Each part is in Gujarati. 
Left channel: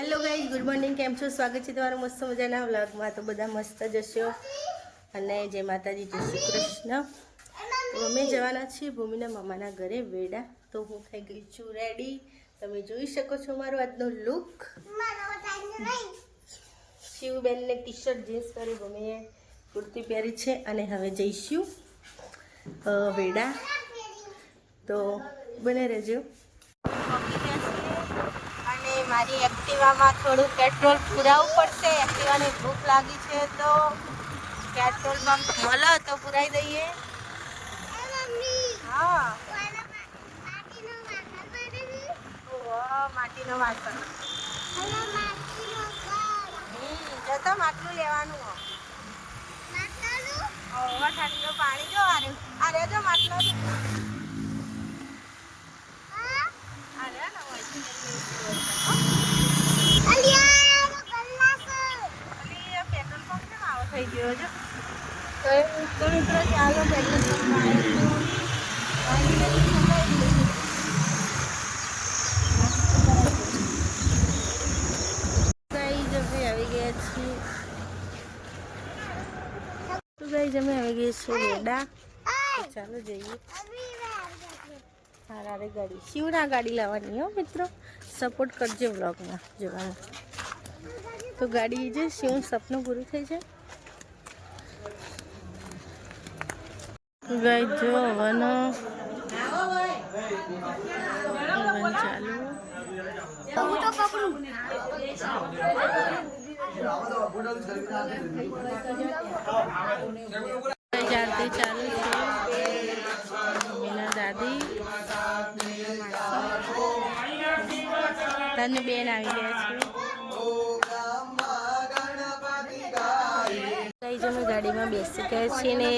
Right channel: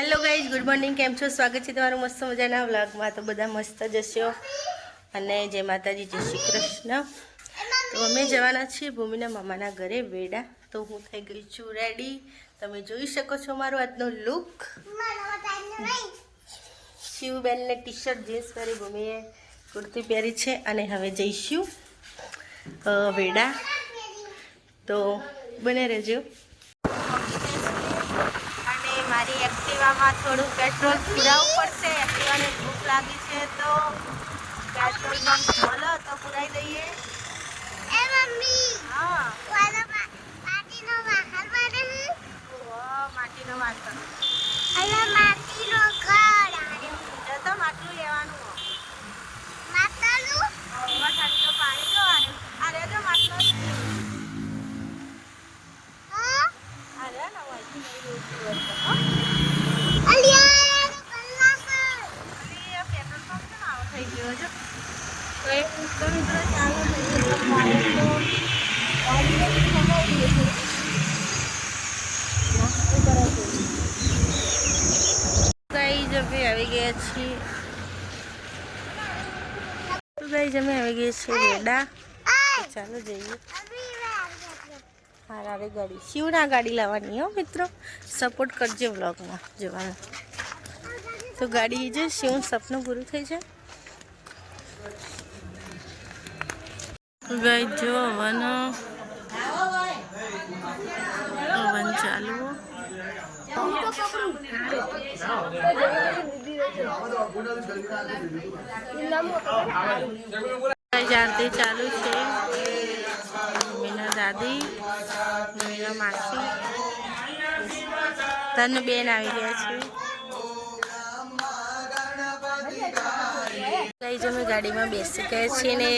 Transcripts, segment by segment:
હેલો ગાઈઝ ગુડ મોર્નિંગ કેમ છો? સ્વાગત છે તમારું મસ્ત મજાના વ્લોગમાં. તો બધા મસ્ત જશો અને જય માતાજી, જય શ્રી કૃષ્ણ. તો અમે જવાના છીએ ભૂમિના મામાના ઘરે વેડા. તો હું થઈ ગઈ છું રેડી તમે જોઈ શકો છો મારો આજનો લુક શિવબેનને ટી શર્ટ જીન્સ પહેરી ભૂમિએ કુર્તી પહેરી છે અને હવે જઈશું વેડા. તો બને રહેજો અને મારી એક્ટિવામાં થોડું પેટ્રોલ પુરાવવું પડશે એક્ટિવાને ભૂખ લાગી છે તો પેટ્રોલ પંપ હલો તો પુરાઈ દઈએ. એ મમ્મી હા. પાટીનો વાહન માટે છે વાહ, માટીનો વાસણ અલા માટીનો ઘર જો તો માટલું લેવાનું માતાનું ઓવર આટલું પાણી જો આરે આરે જો માટલો હા આરે ને અલિયા કલાક અલી, આ પેટ્રોલ પંપ કેમ આવો અમે આવી ગયા છીએ. તો ગાઈઝ, અમે આવી ગયા છીએ વેડા ચાલો જઈએ. અભી મે હા રાડી ગાડી. શિવના ગાડી લાવવાની હો મિત્રો. સપોર્ટ કરજે વ્લોગમાં જોવાનું. તો ગાડી જે શિવનું સપનું પૂરું થઈ છે. ગાઈ જો હવન હવન ચાલુ. આરતી ચાલુ છે. મમ્મીના દાદી મમ્મીના માસી. તને બેન આવી ગયા છે. ગાઈઝ જમે ગાડીમાં બેસી ગયા છીએ ને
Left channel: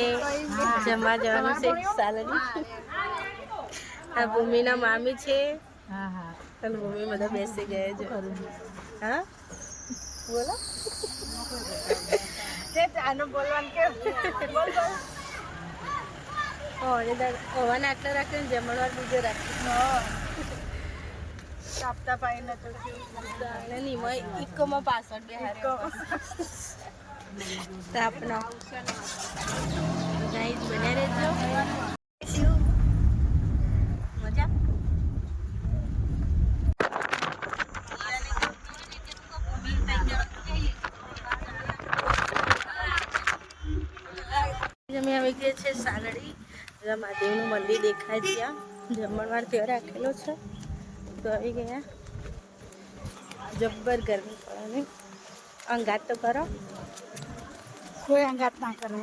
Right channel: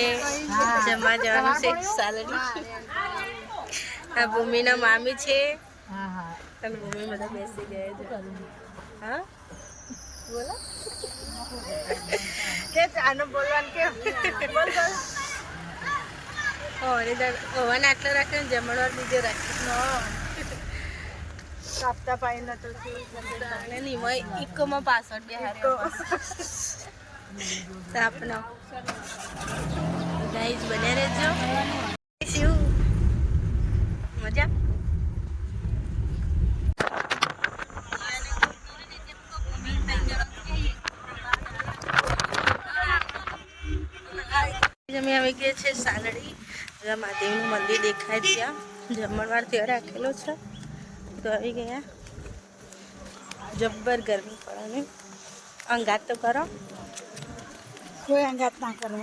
જમવા જવાનું છે. સાલડી આ ભૂમિના મામી છે. અને ભૂમિ બધા બેસી ગયા છે. હા? બોલો. કે આનો બોલવાનું કે બોલ બોલ. ઓવન આટલો રાખ્યો ને જમણવાર બીજો રાખ્યો સાપ્તા પાઈ નતો અને નિમય ઇકોમાં પાછળ બે તાપનો ગાઈઝ બને રહેજો. મજા? અમે આવી છે સાલડી. મહાદેવનું મંદિર દેખાય ત્યાં. જમણવાર ત્યાં રાખેલો છે. તો આવી ગયા. જબ્બર ગરમી પડવાની. અંગાત તો કરો. કોઈ અંગાત ના કરે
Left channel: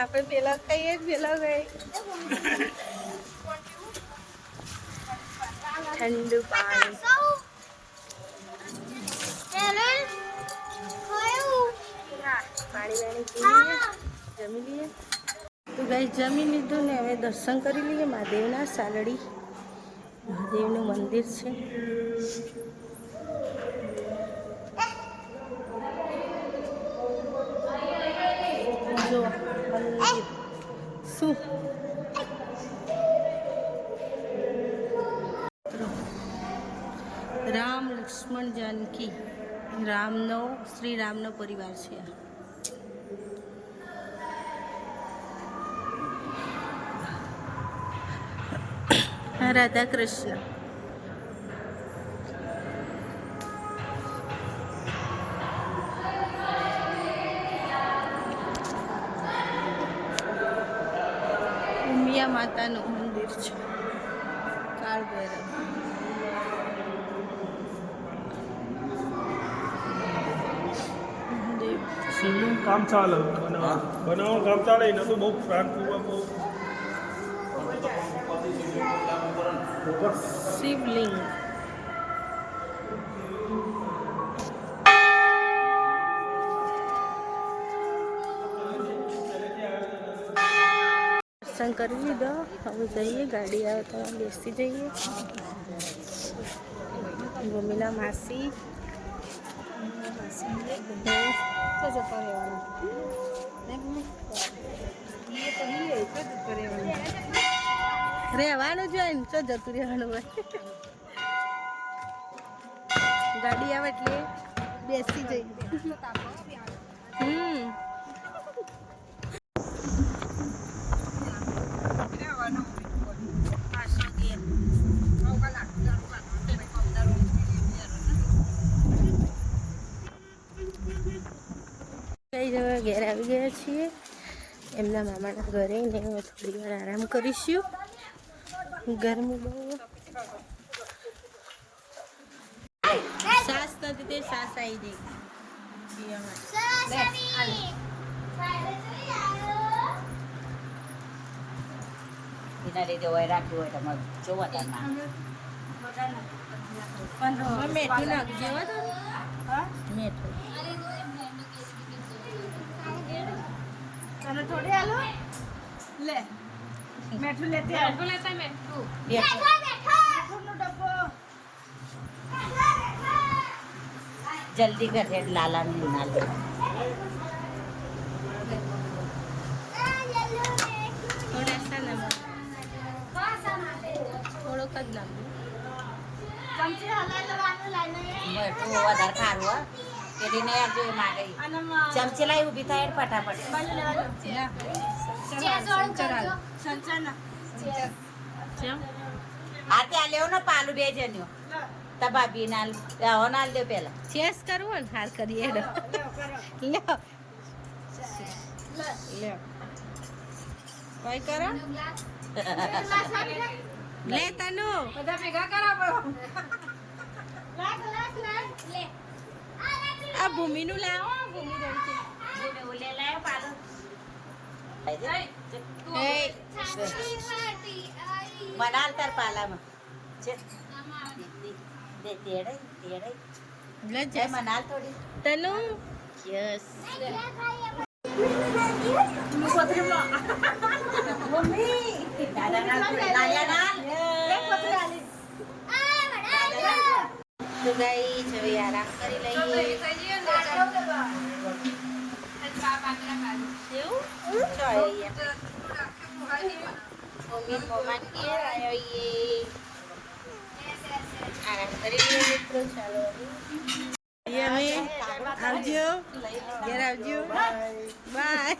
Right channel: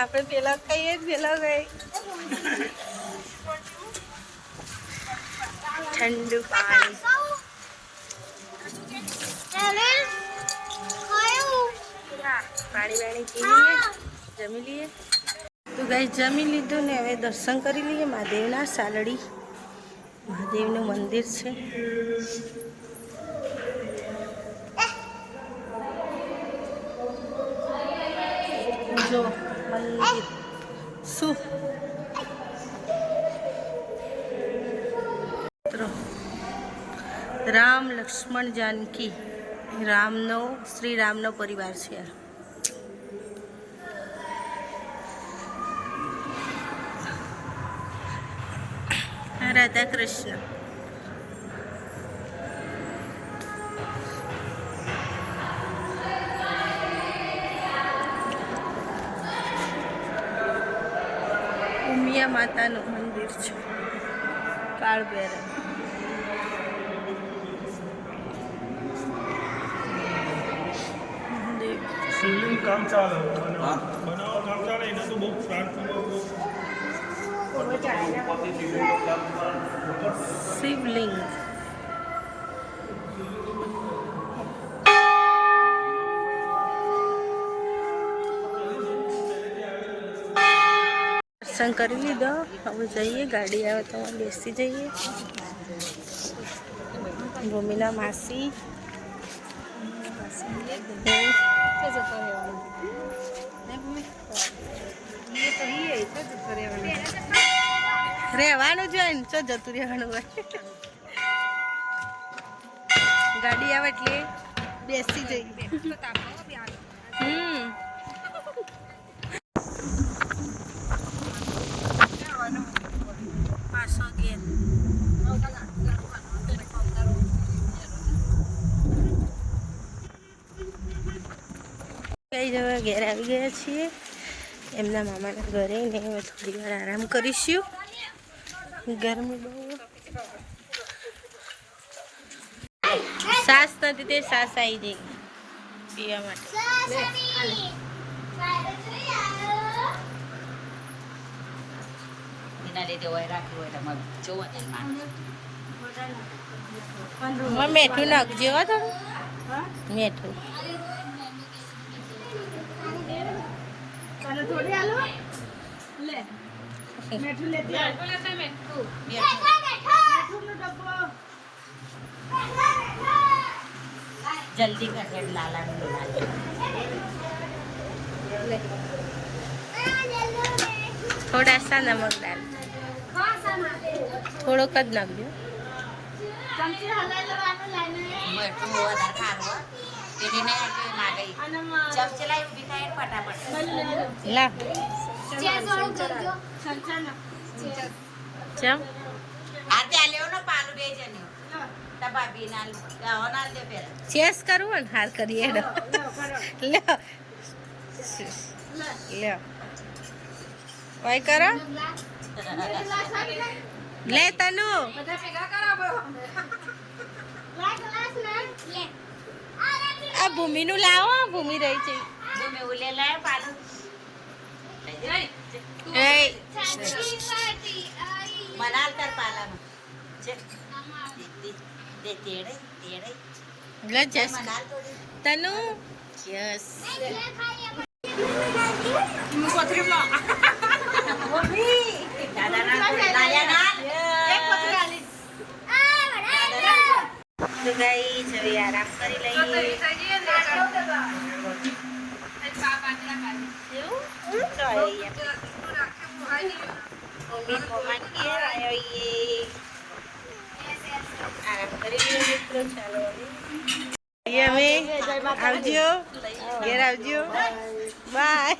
આપણે પેલા કહીએ જ પેલા ગઈ ઠંડુ પાણી પાણી વાણી પી લઈએ, જમી લઈએ. તો ગાય, જમી લીધું ને હવે દર્શન કરી લઈએ. મહાદેવના સાલડી. મહાદેવનું મંદિર છે. રામ લક્ષ્મણ જાનકી. રામનો, શ્રી રામનો પરિવાર છે રાધા કૃષ્ણ. ઉમિયા માતાનું મંદિર છે. કાળ કામ ચાલે બનાવો કરતા રહી ને તો બહુ શાંતિપૂર્વક શિવલિંગ દર્શન કરી લીધો હવે જઈએ ગાડી આવે તો અમે બેસી જઈએ ભૂમિના માસી રહેવાનું જ હોય ને ચો જતું રહેવાનું હોય. ગાડી આવે એટલે બેસી જઈએ. કઈ જવા ઘેર આવી ગયા છીએ. એમના મામાના ઘરે ને હવે થોડી વાર આરામ કરીશું. ગરમી બહુ સાસ નથી તે સાસ આવી જઈ પીવા માટે. એના તો હોય તમારે જોવા ટાઈમ હવે મેઠું નાખજો હો થોડું મેઠું જલ્દી કરે લાલા ને થોડા સા નમક દાળ થોડોક જ નાખજો. મરચું વધારે ખારું હો. એટલે નહીં આપજો એ ના ગઈ ચમચી લાવી ઊભી થાય ફટાફટ. લા. ચમ? આ ત્યાં લેવો ને પાલું બે જણ્યો તા ભાભી ના આવો ના દે પેલા. ચેસ કરવું ને હાર કરીએ હેડો લ્યો લ્યો વાય કરો. લે તનુ. આ ભૂમિનું લાવો ભૂમિ રહી છે. તનુ. યસ દાદા ના. લાલ્યા ના. તો ગાઈ હવે આરામ કરી લઈએ. એવું? તો અહીંયા મમ્મી મમ્મા ઘેર આવ્યો ઈએ. આરામ કરી લઈએ મિત્રો ચાલો હવે. અમે. આવજો. ઘેર આવજો. બાય.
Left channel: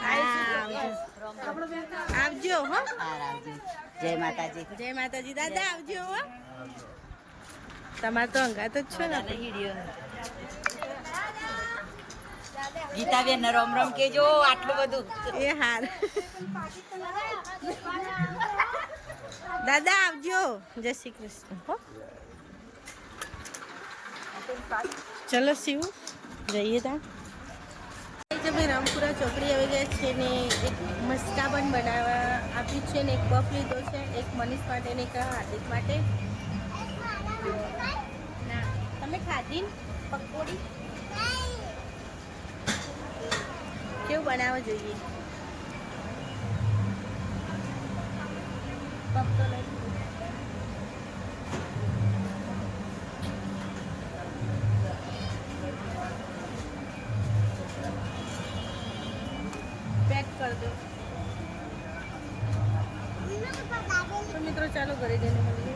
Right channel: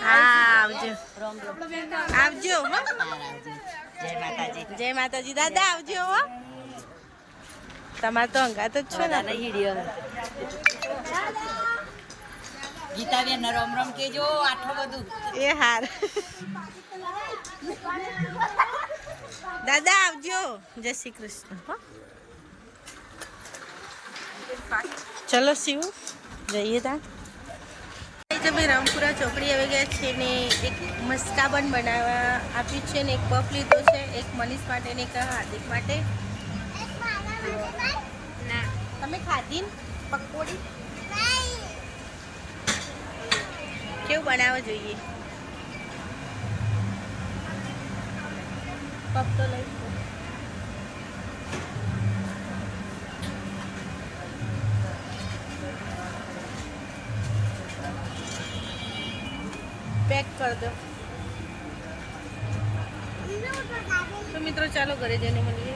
હા આવજો. આવજો હો. જય માતાજી. જય માતાજી. દાદા આવજો હો. તમારે તો અંગાત જ છો ને. ગીતાબેન રમ રમ કેજો આટલું બધું. એ હાર. દાદા આવજો. જય શ્રી કૃષ્ણ હો. ચલો શિવ જઈએ તા તમે રામપુરા ચોકડી આવી ગયા છે ને એક મસ્કાબન બનાવવા આપ્યું છે ને એક પફ લીધો છે, એક મનીષ માટે ને એક હાર્દિક માટે. તમે ખાધી? પકોડી? કેવું બનાવવા જોઈએ? પફ તો લઈ. પેક કરી દો તો મિત્રો ચાલો ઘરે જઈને મળીએ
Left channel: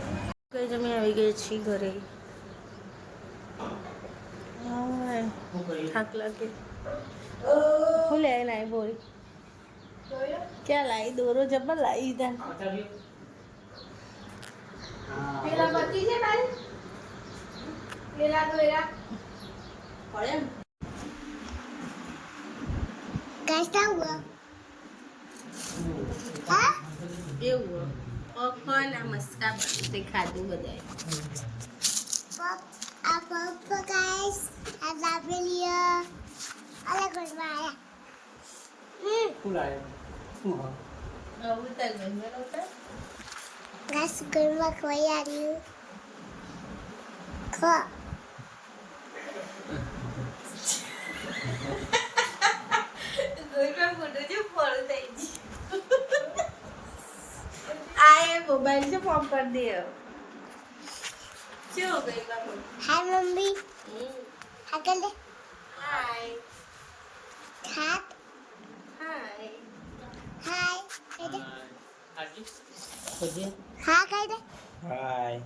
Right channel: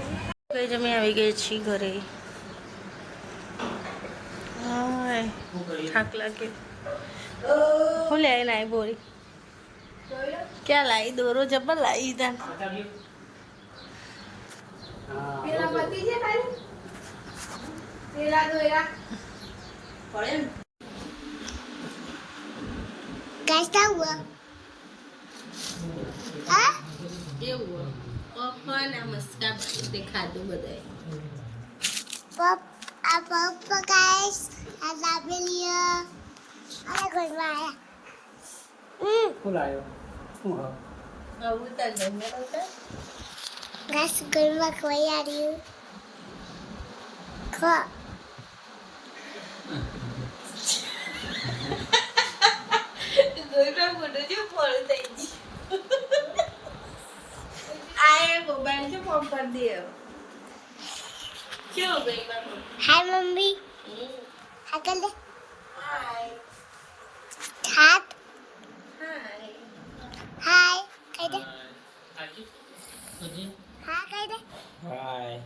કઈ જમે આવી ગઈ છીએ ઘરે હાય થાક લાગે હું લે નાઈ બોરી ક્યાં લાવી દોરો જબર લાવી તા कैसा हुआ એવું પપ્પા નમસ્કાર તે ખાધું બધાય પપ્પા પપ્પા ગાઈસ આ લાબેલિયા અલા ઘરમાં આયા. હમ. ફૂલ આવ્યો હું? મોબાઈલ છે ફોન કરી દે કેવું ગઈ હાય મમ્મી. હા કર દે હાય હાથ હાય હાય કહી દે હા કહી દે. હાય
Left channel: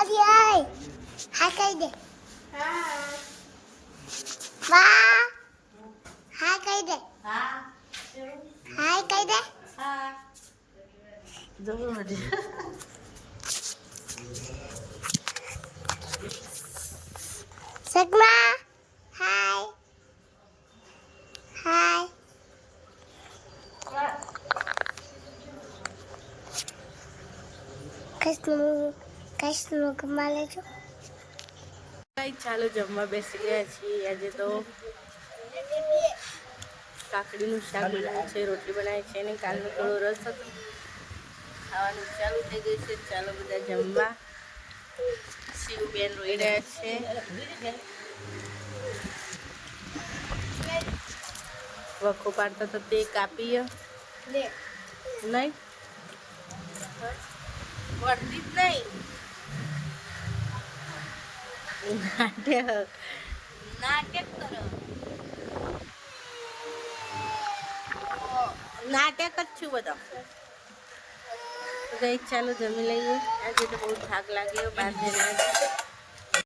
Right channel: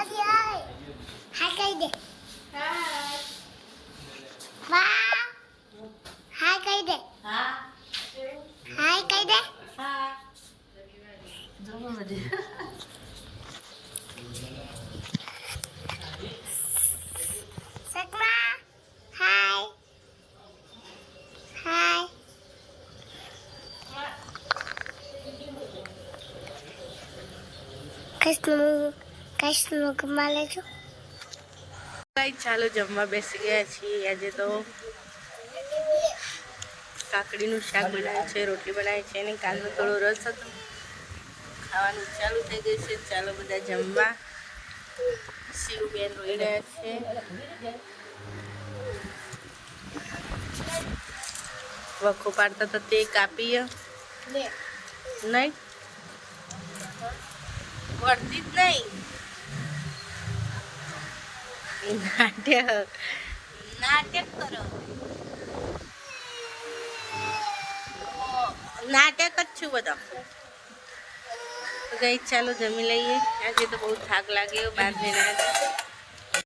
અરે હાય હા કહી દે. હાય વાહ. હા કહી દે. હા. હાય કહી દે. હજી સગમા હાય Hi. કમા લેજો કઈ ચાલો જમવા બેસી ગયા છીએ. આજે તો કાકડીનું શાક બનાવ્યું છે રોટલી બનાવી છે અને કાલનો થોડો રસ હતો. ખાવાનું ચાલુ થઈ ગયું છે. ચાલો બધા જમવા. શિવબેન રોઈ રહ્યા છે. વખો પાડતા તો તે કાપીએ. નહીં? વળતી જ નહીં. નાટ્ય નાટક કરો. નાટક જ છું બધા. ગઈ ચાલો જમી લઈએ આજે તો બહુ થાક લાગ્યો બહાર જઈને.